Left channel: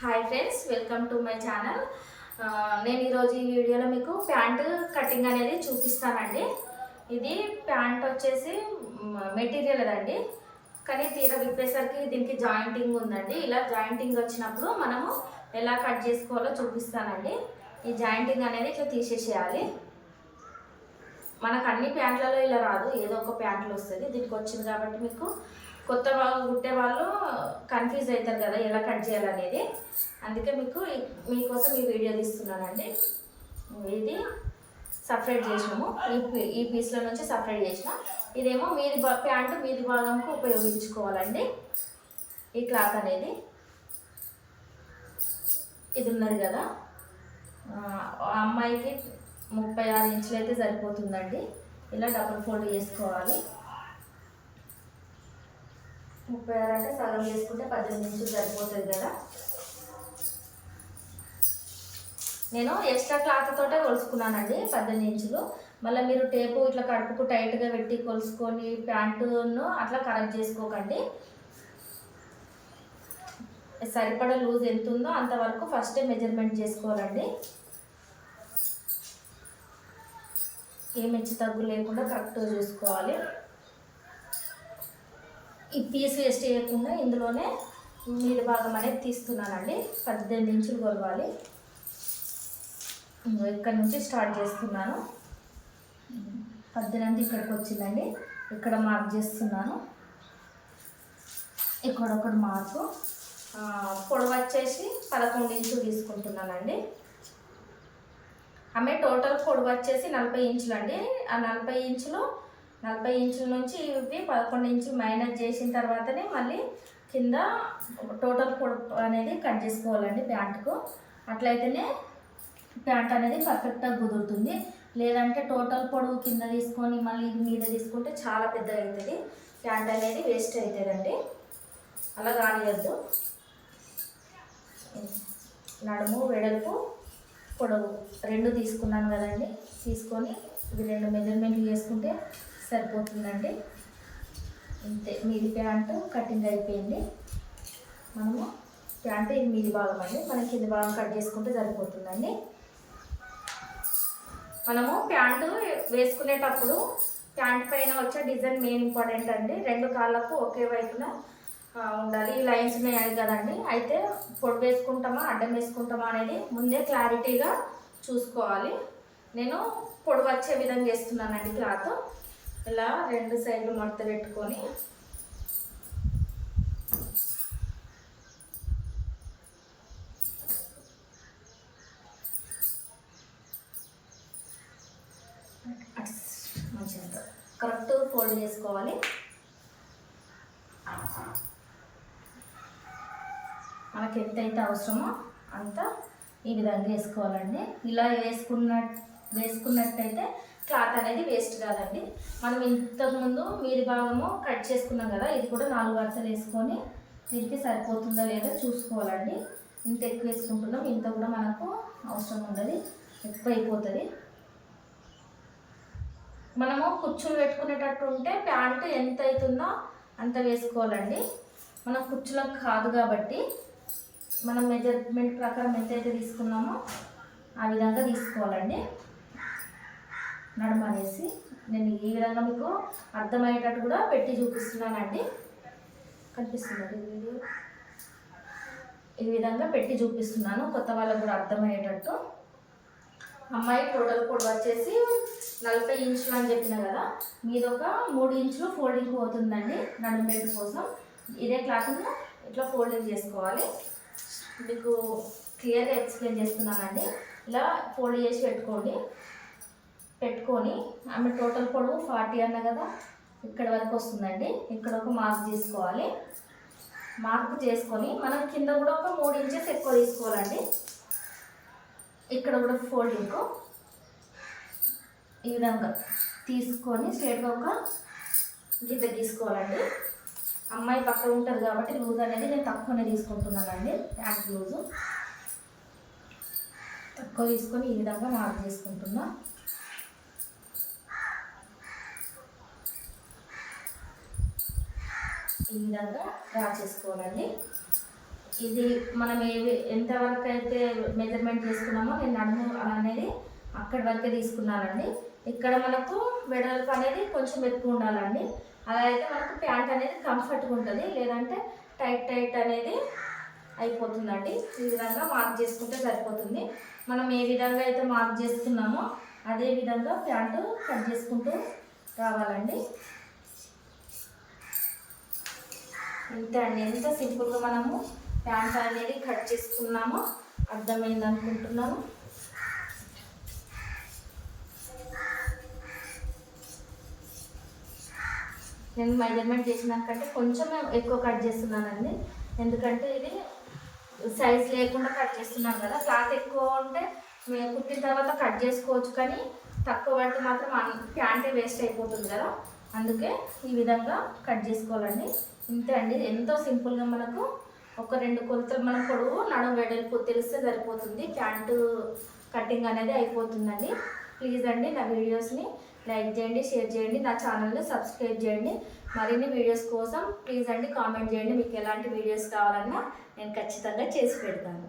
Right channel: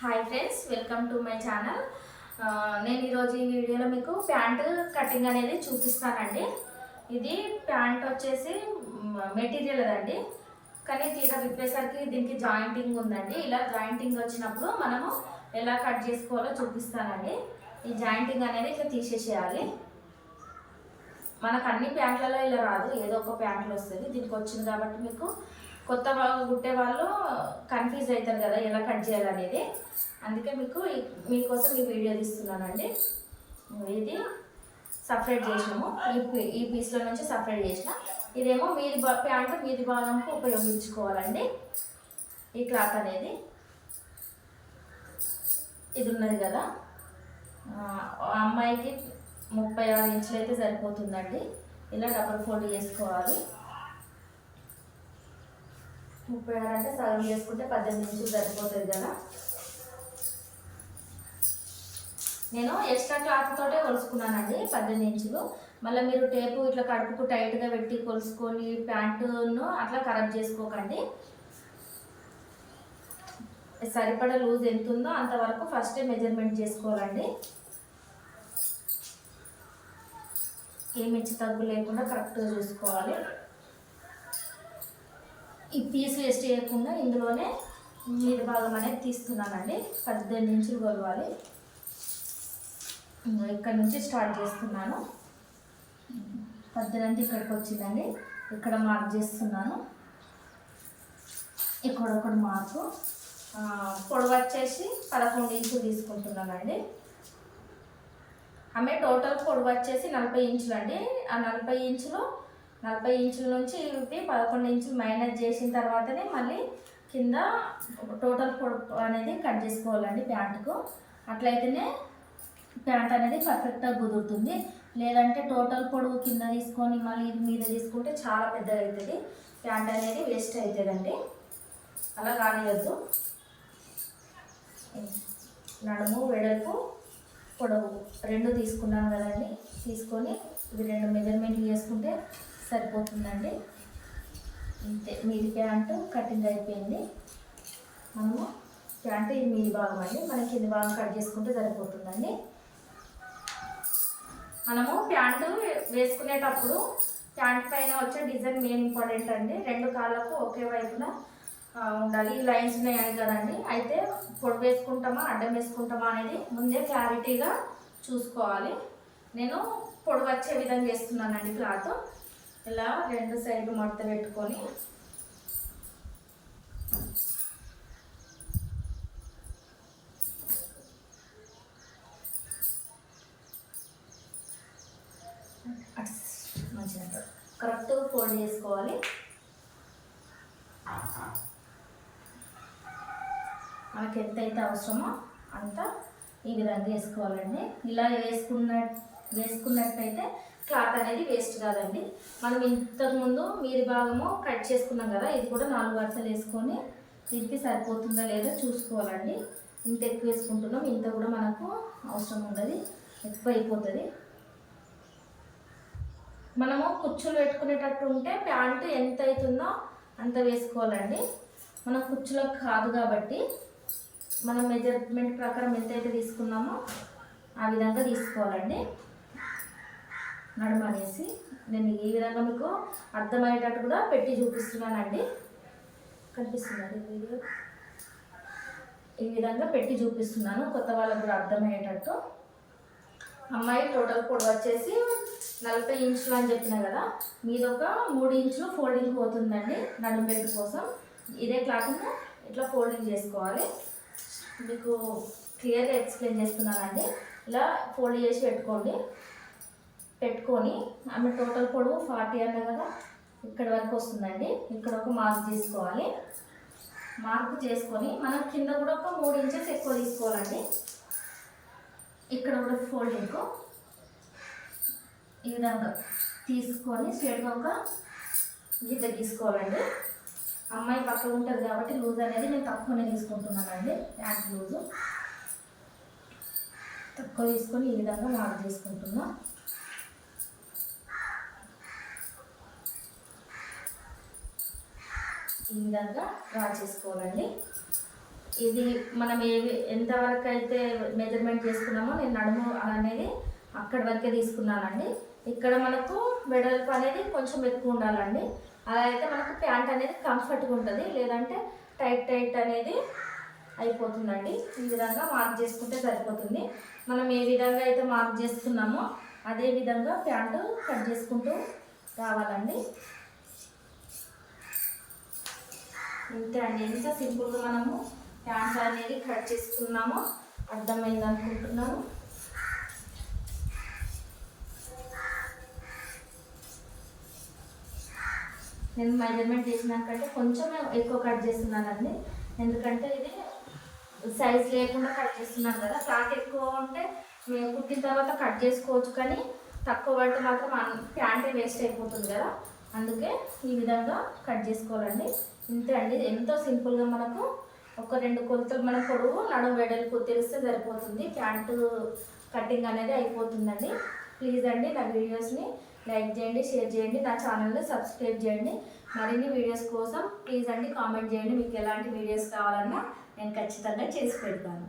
Hi friends welcome to my channel నేను ఈరోజు ఈ వీడియోలో మీకు ప్యాంటు కటింగ్ అనేది చూపిస్తానండి. ఇది ప్యాంట్ వచ్చేసి మెటీరియల్ అదండి. కానీ తీరా విప్పేసరికి దీనికి జాయింటింగ్ ఉందండి. ఇలా జాయింటింగ్ వచ్చినప్పుడు మనము ఎలా కట్ చేసుకోవాలో చూపిస్తానండి. ఈ జాయింటింగ్ అనేది ఇట్లా తీసేసేయాలి. మనకు అన్ని ప్యాంట్లలో ఇలా రాదు. ఏదో ఒక ప్యాంట్లు వస్తుంది. దీనికి వచ్చింది కాబట్టి మీకు కొత్త కుట్టే వాళ్ళు కన్ఫ్యూజ్ అవుతారు కదా ఎలా కట్ చేయాలనేది. అందుకే మీకు మీకోసం ఈ వీడియో తీస్తున్నానండి. ఇది సపరేట్ చేసినాము. ఈ పీ- ఈ పీస్లో నుంచి సపరేట్ చేసిన. ఇదేమో మీది ప్యాంటు మీది భాగంకు ఉపయోగించుకోవాలండి. ఈ క్లాత్ అనేది. ఇది ఉన్నది కదా. అమ్మాయికి ముప్పై ఆరు ఇంచులు అయితే సరిపోతుందండి. ఇలా డబుల్ ఫోల్డ్ చేసుకోవాలి. ముప్పై ఆరు అంటే సగం చేసుకుంటే పద్దెనిమిది నిమిషాలు సరిపోతుంది కదా. నేను ఎక్స్ట్రా క్లాత్ తోటే కొలుసుకున్నానండి పద్దెనిమిది ఇంచులు మళ్ళీ మీరు టేపు ఇట్లా కడుపుకు టైట్గా పెట్టి కొలుసుకొని ప్యాంటును అట్లా ఖరాబ్ చేసుకోకండి. సరిపడా లూజ్ ఎంత ఉందో అంతవరకు ఫస్టే మెజర్మెంట్ చేసుకోవాలండి. ఏం హెచ్చు తగ్గు లేకుండా కరెక్ట్గా చూసుకోవాలి. ఈ పీస్ వేస్ట్ చేయకుండా ఇందులోనే మీద భాగం అనేది తీస్తున్నానండి. పద్దెనిమిది ఇంచులు కొలవాలి. ఇక్కడ నుంచి స్టార్ట్ చేస్తున్నాను. పద్దెనిమిది ఇక్కడికి వచ్చిందండి. ఇక్కడ మార్క్ చేస్తున్నాను. ఇక్కడ ఒకటి మార్కు పొడవు వచ్చేసి పదకొండు ఇంచులు తీసుకుంటున్నానండి. ఆమె టోటల్ పొడవు వచ్చేసి నలభై ఇంచులు అండి ఆ నలభై ఇంచులు నలభై ఇంచుల నుంచి ఇవి పదకొండు ఇంచులు మైనస్ చేసిన తర్వాతనే మళ్ళీ కింద టోటల్ పొడుపు అనేది కట్ చేసుకోవాలండి ప్యాంటుకు అట్లయితేనే ప్యాంట్ అనేది పర్ఫెక్ట్గా కుదురుతుంది. లేదంటే టోటల్ పొడవు కింద తీసుకొని మళ్ళీ ఇది మీద తీసుకుంటే చాలా పెద్దగా అవుతుంది ప్యాంట్ అనేది వేస్ట్ అవుతుందండి అలా కానియద్దు. నడుము వెడల్పు పొడవు రెండు తీసుకున్నాను కదండి. తీసుకొని ఇవి రెండు మెజర్మెంట్లు చేసుకుంటే సరిపోతుందండి. ఇంతే మీది ప్యాంటు కటింగ్ అయిపోయింది. మనము ప్యాంటు ఇది మీది భాగం అండి. మనకి కింది భాగం కట్ చేసుకుంటే సరిపోతుందండి. మనము ప్యాంటు వేసుకునేటప్పుడు ప్యాంట్ పైన వచ్చే డిజైన్ మెయిన్ ఇంపార్టెంట్ అండి. రెండు కాళ్ళకు ఒకే వైపున ఉండాలి. ఈ లైన్స్ ఉన్నాయి కదండి. అయితే పొడి వేసుకుంటామా అడ్డం వేసుకుంటామా అనేది ముందే క్లారిటీగా చూసుకోవాలి. నేను పొడి వచ్చే విధంగా చేస్తున్నానండి క్లాత్. ఇలా రెండు సైడ్లు మడత పెట్టుకొని మంచిగా కరెక్ట్ ఫోల్డ్ చేసుకోవాలి. మనకి ఎంత అయితే అవసరమో అంత ఈ విధంగా వేసుకోవాలండి. ఇలా వేసుకున్న వేసుకున్నట్టయితే క్లాత్ అనేది వేస్ట్ కాదండి. మనం ఇంతకుముందు మీది భాగము కట్ చేసుకున్నాం కదా ఇది కూడా నాలుగు వరుసలు వేసుకొని దీనికి సరిపోతుందా లేదా చూసుకోవాలండి. ఇంత ఎక్కువ వేసుకుంటున్నాం ఇంత కూడా మనకు అవసరం ఉండదు ఎక్కువ అయిపోతుంది. మనము కుచ్చులు పెట్టుకునేటట్టు ఉంటే ప్యాంటు ఎంత అవుతుందో అంత వేసుకోవాలండి. మనం కుచ్చులకు కాదు కాబట్టి మనం మెజర్మెంట్ ప్రకారం ఎంతైతే తీసుకున్నామో ఆ విధంగా తీసుకోవాలండి. నడుమ అనేసి నేను ఈ విధంగా మీకు అర్థమయ్యేటట్టు కూడా పెట్టి చూపిస్తున్నానండి. కనిపిస్తుందండి వీడియో? ఈ విధంగా పెట్టి చూపిస్తున్నాను. కొత్త వాళ్ళకు కూడా అర్థమయ్యేటట్టు. అమ్మాయి టోటల్ పొడవు వచ్చేసి నలభై ఇంచులు అని చెప్పిన కదా మీద ఒక మూడు ఇంచులు ఫోల్డింగ్ పోతుందండి నడుము బెల్ట్ కోసం. ఇదే క్లాత్ను ఇట్లా ఫోల్డింగ్ చేసుకోవాలి. మీకు క్లియర్గా ఎక్స్ప్లెయిన్ చేస్తున్నానండి. ఇలా ఫోల్డ్ చేసి పెట్టుకోండి. పెట్టుకొని ఆమె టోటల్ పొడవు ఫార్టీ అన్న కదా ఇక్కడ వరకు వస్తుందండి. ఇక్కడ ఒక మార్క్ చేసుకోవాలి మార్క్ చేసుకొని మనం కింద కూడా ఒక మూడు ఇంచెస్ ఎక్కువ తీసుకోవాలండి. ఇక్కడ కూడా ఫోల్డింగ్ ఈ విధంగా తీసుకొని స్ట్రేట్గా ఒక గిద్ద తీసుకోవాలండి. అమ్మాయి పక్క ఉంటుంది కాబట్టి లూజ్ అనేది నేను తక్కువనే తీసుకుంటున్నానండి. ప్యాంట్ లూజు తక్కువ తీసుకొని ఈ విధంగా మార్క్ చేసుకుంటున్నాను ఈ విధంగా డ్రా చేసుకోవాలండి. ఇది మనం ఏవి ఎంతవరకు అయితే మెజర్మెంట్ చేసుకున్నామో నేను నడుము అనేది అక్కడి వరకే తీసుకున్నానండి. ఇక్కడ మనకు వెడల్పు అనేది కొంచెం ఎక్కువ ఉండాలండి. అలా అయితే మనకు ప్యాంట్ అనేది కంఫర్ట్గా ఉంటుంది. లేదంటే టైట్ టైట్ అనేది అయిపోతుందండి. ఈ విధంగా మార్క్ చేసుకుంటే సరిపోతుంది. మనం ఏ విధంగా అయితే మార్క్ చేసుకున్నామో అదే విధంగా ప్యాంటు కట్ చేసుకుంటూ రావాలండి. అంతే అండి ఎంత సింపుల్గా మనము ప్యాంట్ అనేది కట్ చేసుకున్నామో. అర్థమైంది అనుకుంటున్నాను. నేను మెజర్మెంట్ చేసినాకంటే కొంచెం ఎక్కువ కట్ చేస్తున్నానండి. ఎందుకంటే ఇది సైజ్ లేకుండా కట్ చేస్తున్నాను కదా. క్లాత్ ఎక్కువ ఉంటే మేము కుట్టిన తర్వాత కట్ చేసుకోవచ్చు కానీ తక్కువ పడితే మాత్రం ప్యాంటే వేస్ట్ అయిపోతుంది కదా. అందుకే ఈ విధంగా కట్ చేసుకోవాలండి. ఇంతే అండి. ఎంతో సింపుల్గా మనకు ఒక రెండు కొలతలు మన పొడవు నడుము వెడల్పు తెలిస్తే సరిపోతుంది. ప్యాంటు కటింగ్ అనేది అయిపోతుందండి. ప్లీజ్ అండి నా వీడియోస్ని లైక్ చేయండి షేర్ చేయండి నా ఛానల్ని సబ్స్క్రైబ్ చేయండి. మరిన్ని వీడియోస్ కోసం ప్లీజ్ అండి కామెంట్ చేయండి. మీకు ఎలాంటి వీడియోస్ కావాలన్నా నేను ఖచ్చితంగా చేసి పెడతాను.